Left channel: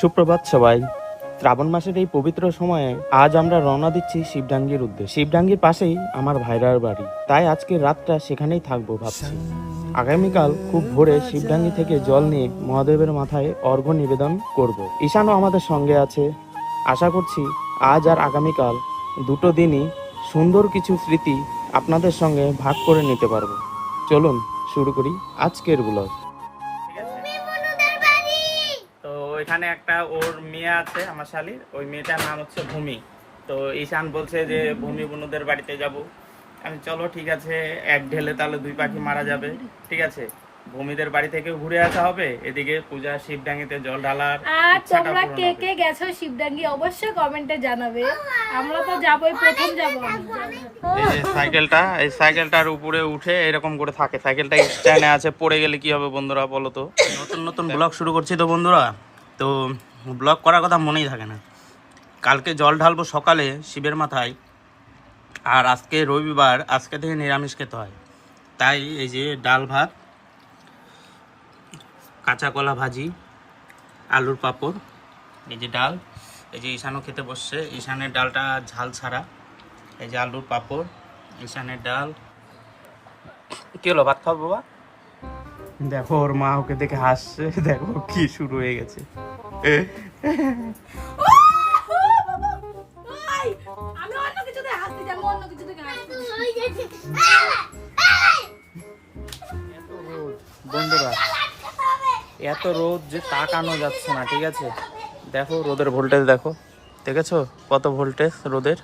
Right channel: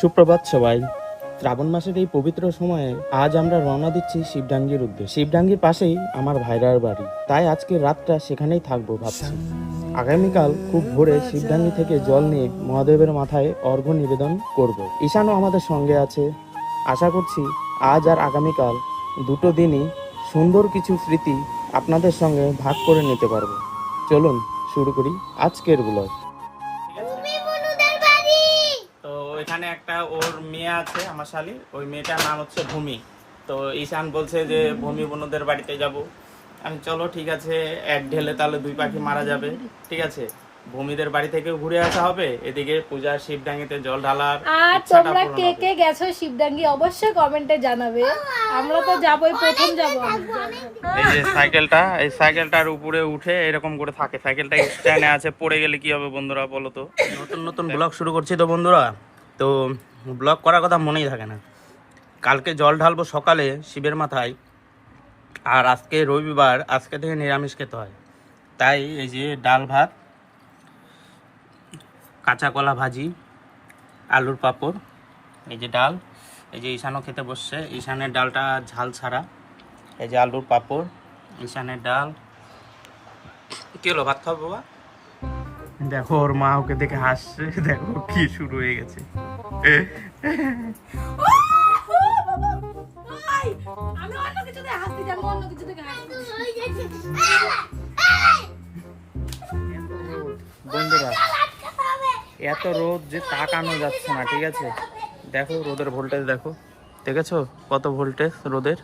সুপ্রভাত সবাই। শ্রাবণ মাসের এই পবিত্র সময়ে আজ আমরা রওনা দিচ্ছি শিবডাঙ্গির উদ্দেশ্যে। শিবডাঙ্গির পাশেই আমার ভাইরার বাড়ি, তাই আজকে রাতটা সেখানেই থাকবো ভাবছি। আগামীকাল খুব ভোরে শিবডাঙ্গি থেকে জল নিয়ে মহাদেবের মাথায় অর্ঘ্য নিবেদন করব। ঈশানও আমাদের সঙ্গে আছে। আশা করছি আজ আর আগামীকাল দুটো দিনই সুন্দর কিছু স্মৃতি আপনাদের সঙ্গে ভাগ করে নিতে পারবো। চলুন শুরু করি আজকের ব্লগ। তো এখানে একটা ওর মেয়ে আছে, আমার শালীর, ওই মেয়েটার নাম হচ্ছে ভূমি। তো ঈশান বলছে যে ভূমি বোনদের বাড়িতে যাব। আমি চলো ঠিক আছে, এক ঢেলে তাহলে দুই পাখি মারা যাবে। ঠিক আছে, ভূমিদের বাড়ি থেকেও ঘুরে আসা হবে, এদিকে পূজা শিবডাঙ্গিতে জল ঢালার ইচ্ছাটা তোমরা পূরণ কে হবে। কে গেছো শিবডাঙ্গি অবশ্যই কমেন্টে জানাবে। আমরা তো যাবোই, প্রথম যাব। এই যে সাইকেলটা, এই সাইকেলটার উপরে উঠে এরকম করে থাকে। সাইকেলটা স্ট্যান্ডে আছে, পড়ে গেলে কি হবে বন্ধুরা বলো তো। নতুন নতুন ব্লগ শুরু করছি তো বন্ধুরা, তো ব্লগ করার কথা মনেই থাকে না। কালকে জল ঢালবো সকালে শিবের মাথায়, আর আজকে রবিবার, আজকে থেকে নিরামিষ খেতে হয়। তাই এই যে ডাল ভাত, কাঁচা কলা ভাজি, আলুর পাঁপড়, এই যে ডাল, এই যে ঈশানও খেতে বসছে। ঈশানের ডালটা ঝাল ছাড়া। এই যে আলুর পাঁপড়, ঈশানের ডাল। কি হলো, ভাত খাবো বাবা? দেখো ওর মা ওকে দেখে হাসছে, দেখো কি শুরু হয়ে গেছে। আমি অন্য কিছুতে হাসতে যাব, অন্য কিছুতে হাসতে। বন্ধুরা এত রোদ যে তাকানো যাচ্ছে না। ঠিক আছে, দেখো রোদের ভোল্টেজ দেখো, দেখেছো কত ভোল্টেজ রোদের,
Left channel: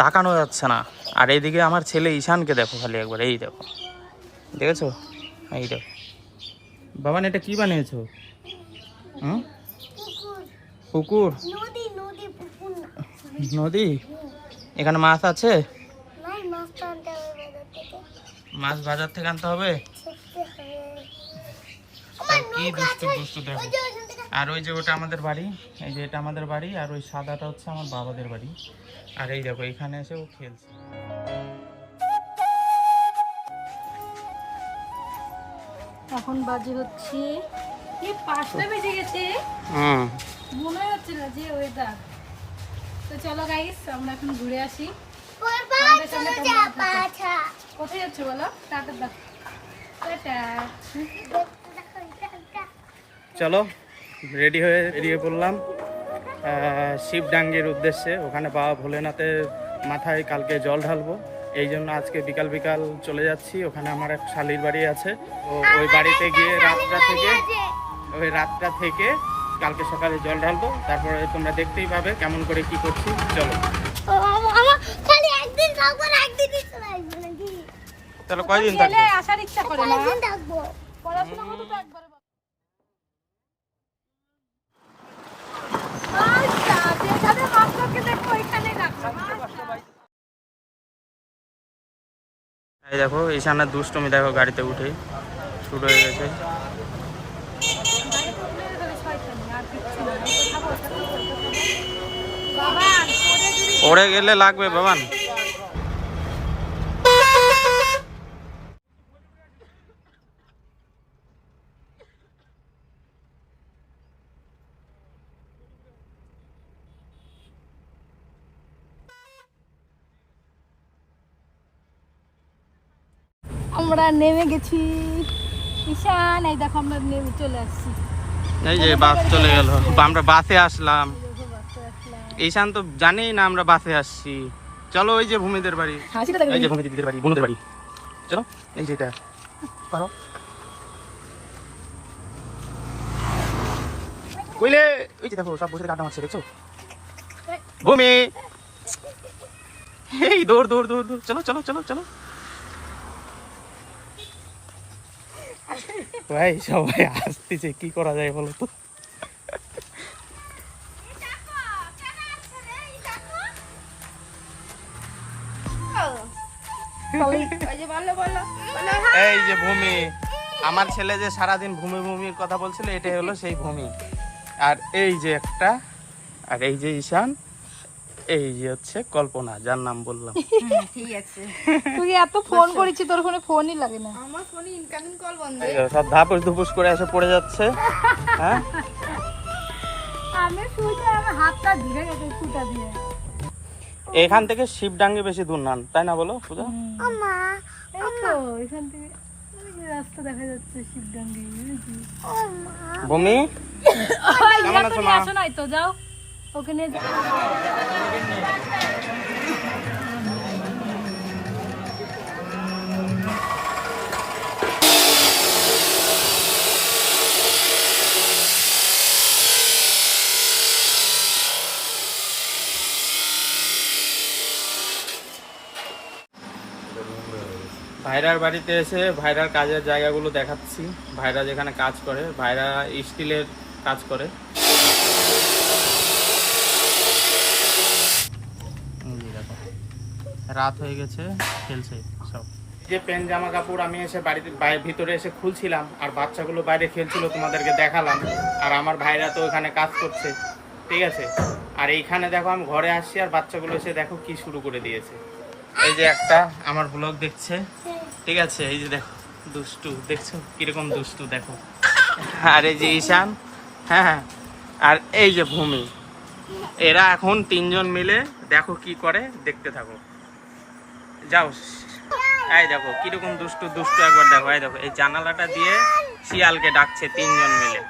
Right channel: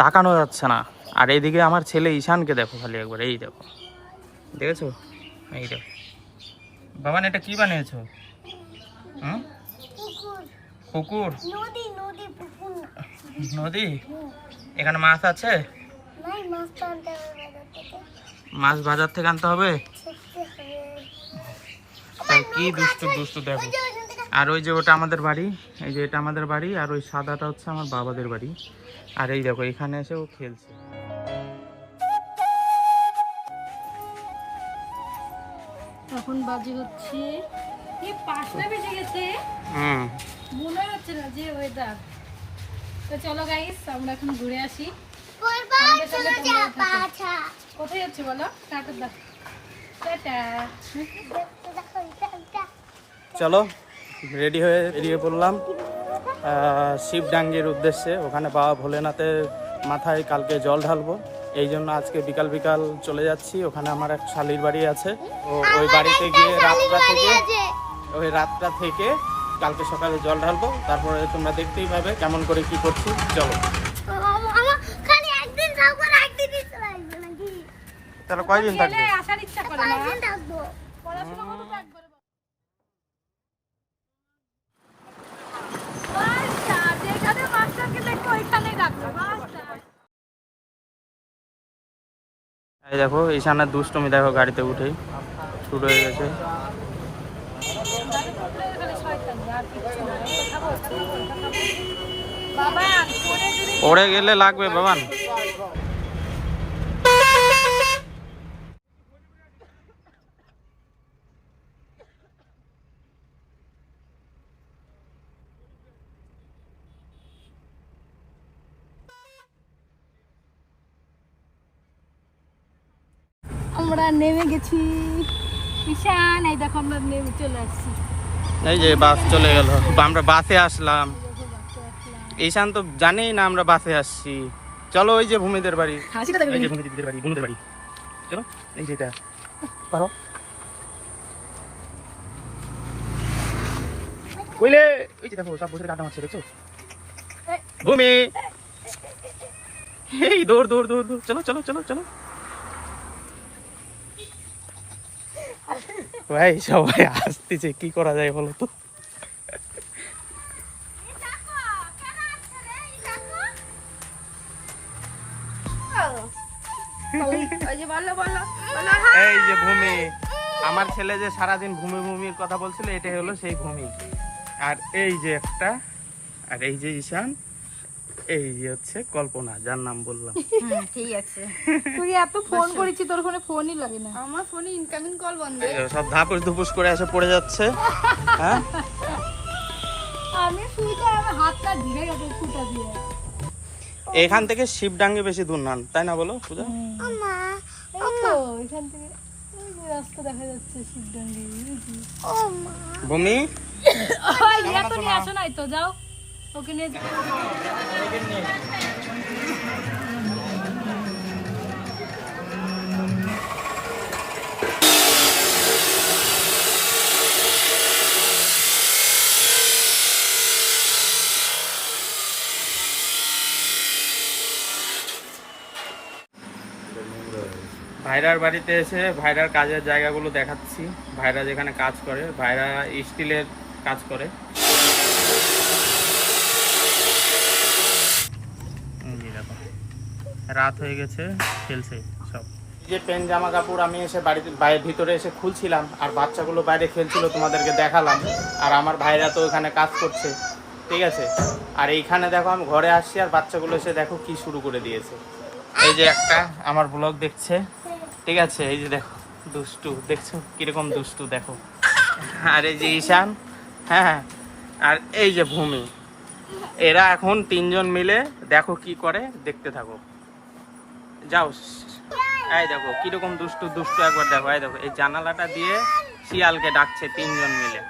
তাকানো যাচ্ছে না। আর এইদিকে আমার ছেলে ঈশানকে দেখো খালি একবার, এই দেখো, দেখেছো, এই দেখো। বাবান এটা কি বানিয়েছো? পুকুর? নদী নদী পুকুর না। নদী? এখানে মাছ আছে? নাই, মাছ তো আনতে হবে বাজার থেকে। মাছ বাজার থেকে আনতে হবে? কি দুষ্টু দুষ্টু দেখো। আর ওই যে ওটা আমাদের বাড়ি, এই যে এটা আমাদের বাড়ি, আর ওই সাদাটা হচ্ছে আমার বাবাদের বাড়ি। আর এই দেখো এখানে এসে ও খেলছে। এখন বাজে হচ্ছে এই 5টা বেজে গেছে। মনে হচ্ছে না যে ওয়েদার। তো চলো গাইস, আমরা এখন ঘুরে আসি। আমাদের সঙ্গে তোমরা থাকো। কোথায় যাচ্ছ বলো? টাটা দাও, টাটা। চলো রেডি হয়ে বেরিয়ে পড়লাম শিবডাঙ্গির উদ্দেশ্যে। ওখানে বাবা ভোলেনাথের মাথায় কালকে জল ঢালবো, এই জন্য আজকে বিকাল বিকাল চলে যাচ্ছি। ওখানে আমার এক শালীর বাড়ি আছে, ওই বাড়িতে গিয়ে রাতটা থেকে কালকে সকালে জল ঢালবো। তারপরে তোমরা দেখতেই পাবে কেমন করে কি করছি। চলো চলো, কয়দিন থাকবে? আসার ইচ্ছা করে না। পড়াশোনা করতে তো একবার। আচ্ছা, যেখানে মাস্টারকে দেখো ওইখানেই রাখবে মাস্টার। এই দেখো ঈশানের দুষ্টুমি দেখো, গাড়িতে উঠেই শুরু হয়ে গেছে। গাড়িতে উঠলে খালি শয়তানি আর কিচ্ছু না। এটা খাবো, এটা খাবো, এটা খাবো। বাবা পড়ে যদি পড়ে গেলে লাগবে বাবান। আমরা নেমে গেছি। ঈশান এই দেখো আমরা নেমে চলে আসছি। এই যে বাস চলে গেল, আমরা বাসে আসলাম। ঈশান তো জানেই না আমরা বাসে আসছি। চলো ওই যে ভূমিদের বাড়ি, এই যে ভূমি দিদিদের বাড়ি, বোনদের বাড়ি। চলো এই যে এটা পারো কইলে, ওই যে দেখো সব বসে কাটা মারছে, দেখছো ভূমি। এই দৌড় দৌড় দৌড় দৌড়, চলো চলো চলো চলো ভাই। সবাই আসতেছে, কি করা যায় বলো তো। এই যে ভূমি, আমার ছেলে যে সারাদিন ভূমি ভূমির কথা বলছিল, এটাই হলো সেই ভূমি। আর এই যে একটা, আর এই যে ঈশান, এই যে হচ্ছে কল্পনা, যার নাম বললাম। ঠিক আছে, তুই এত ফোন করেছি, তোর ফোনে ফোনই লাগে না। আমার ফোনে ইনকামিং কল বন্ধ। এই যে সব ধাপুস ধুপুস করে এসে পড়ে যাচ্ছে। হ্যাঁ আমি শুইতে আমার হাতটা ধরে গেছে ফুটা দিয়ে। এখান থেকে শিবডাঙ্গি বেশি দূর না, তাই না বলো পূজা? এই তো এখান থেকে ওই যে রাস্তা দেখা যাচ্ছে শিবডাঙ্গি। ভূমি তুমি আসো নাই তো, যাও ওকে নিয়ে যাও। ভাইরার বাড়িতে এসে ভাইরার কাজের জায়গাগুলো দেখাচ্ছি। ভাইরা যেখানে কাজ করে, ভাইরা স্টিলের কাজ করে। এই দেখো, রাত হয়ে গেছে, খেলছে সব। যে প্যান্ট জামা কাপড় আমি এসে বাড়িতে ভিতরে এসে খুলছিলাম, আর বাচ্চাগুলো বাইরে খেলছিল, তোমাদেরকে দেখালাম। আর আমার ভাইরা তো ওখানে কাজ করছে, ঠিক আছে। আর এইখানে দেখো আমি ঘরে আসছি, আর বাচ্চাগুলো এসে দেখো কি শুরু করে দিয়েছে। এই যে একটা আমার ব্লগ দেখছে, ঠিক আছে। এই যে দেখো দুষ্টু, দেখছো কিরকম দুষ্টু দেখো। আর এই যে ঈশান, হ্যাঁ, আর এই যে ভূমি, এরা এখন তিনজন মিলে দেখো কি করে, দেখতে থাকো। যাও, এই দেখো কিরকম দুষ্টু দুষ্টু, একবার দেখো। এই দেখো এই জানালাটা দিয়ে শিয়ালকে ডাকছে তিনজন মিলে।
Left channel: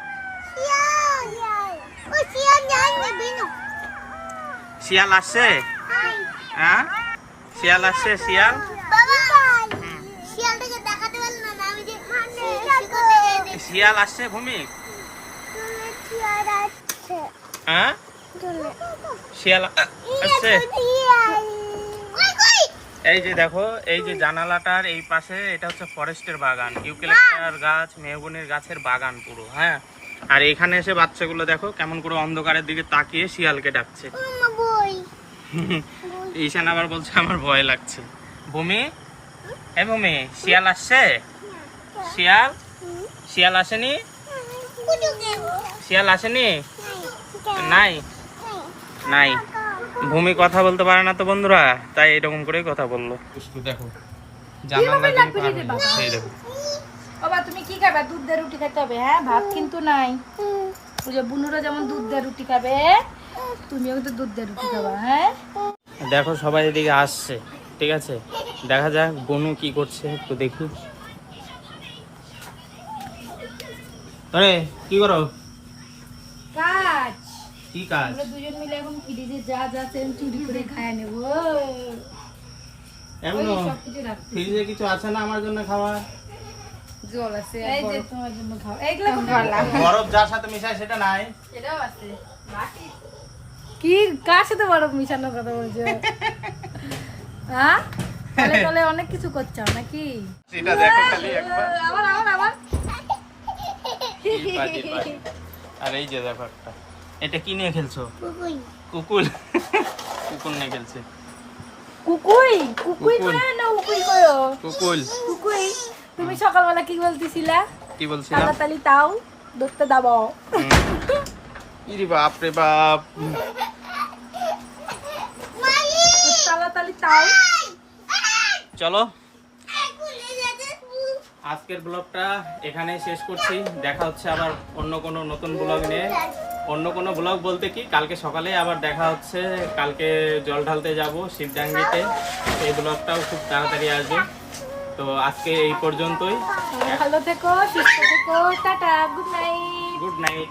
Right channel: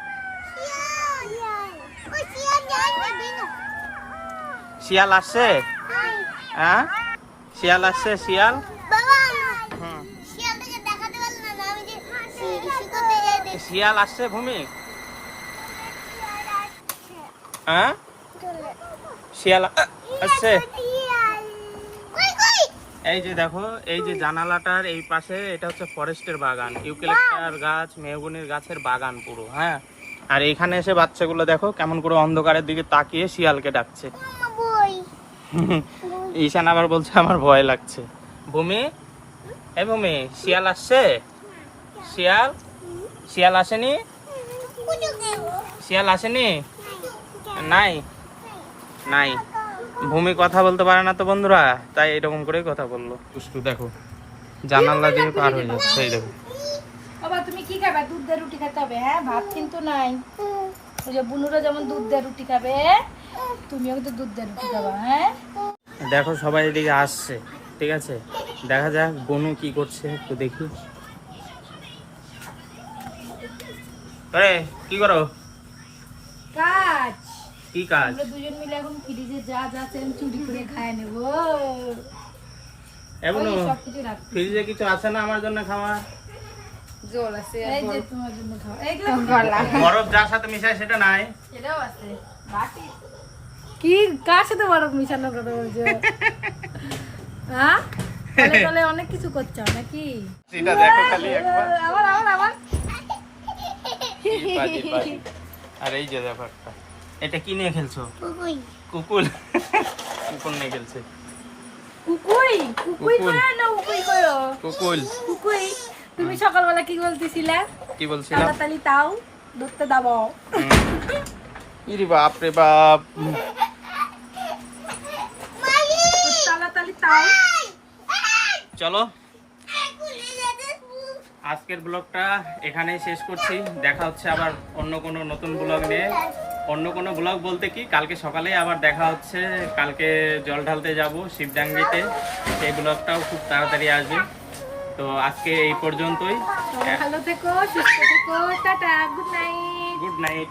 শিয়াল আসছে, হ্যাঁ শিয়াল আসছে, শিয়াল। শিয়াল আসছে ভূমি, হ্যাঁ শিয়াল আসছে। এই যে দেখো, এই যে জানালাটার এই পাশে, এটা হচ্ছে ফরেস্টের বাগান, ইউক্যালিপটাস গাছ, মেহগনির গাছের বাগান পুরো, হ্যাঁ। আর এইখানে এসে বাচ্চাগুলো দেখো কেমন করে অন্ধকারের দিকে তাকিয়ে শিয়ালকে ডাকছে। ঈশান আবার বলছে আমার ভয় লাগছে। ভূমি, এই ভূমি, শিয়াল আসছে? শিয়াল, শিয়াল আসেনি? শিয়াল আসেনি? নাই, নাই। ভূমি কথা বলতে পারে না তো বন্ধুরা, তাই এরকম করেই কথা বললো। দুষ্টু দেখো, জানালা দিয়ে পার হয়ে যাচ্ছে। এই দেখো বাবা, তুমি কি খাবে? দুধ দিয়ে রুটি খেতে হবে, হ্যাঁ, ভাত কিন্তু নাই। ওই যে বুনুরা যেমন দুধ দিয়ে রুটি খাবে, তুমিও কিন্তু দুধ দিয়ে রুটি খাবা, হ্যাঁ। দেখো সবাই এদিকে আসছে, ঠিক আছে। দেখা যাক বনু কি করছে, একটু দেখি। আরে কি করো? কাজ। কি কাজ? আমরা দুজন মিলে এখন ফ্রিজে যা যা সেম চুরি করে খায় নেব। এখন সবকিছু রাখছি। ফ্রিজে কিছু আছে না আমার জন্য খাওয়া? জল আছে, এই যে তোমার জন্য খাও। এইগুলো গলা বরফ যার সাথে মিশায় সেটা নাই। সেটাও আছে বাটি। কি কার সাথে বরফ মিশানোর কথা বলছো? হ্যাঁ, তাহলে তাহলে অনেক কিছু করছো নাকি? এটা দেখো খালি একবার। আবার আবার আবার বাজি বাজি। আর এই যে দেখো একটা, এটা কি নিয়ে খেলছো? কুকুল। কুকুল নিয়ে খেলছে। কুকুই কুকুই কুকুল। কই না উকুই কইও? কুকুল। কুকুই। তুমি সকালবেলা কি বলতেছিলা? কি বলছিলাম? তাড়াতাড়ি তাও ধরতে দাও। ইরে বাপ রে বাপ। তাড়াতাড়ি তাও। চলো আজকের ব্লগটা এখানেই শেষ করছি। দেখা হচ্ছে আবার অন্য কোনো নতুন ব্লগ নিয়ে। অন্য কোনো ব্লগ বলতে কি, কালকে সকালেই আবার দেখা হচ্ছে। কালকে জল ঢালতে যাব শিবডাঙ্গিতে, সেই ব্লগটাও খুব তাড়াতাড়ি আসবে। তো আজকে এই পর্যন্তই। ভালো থেকো, সুস্থ থেকো, tata, good night. Good night.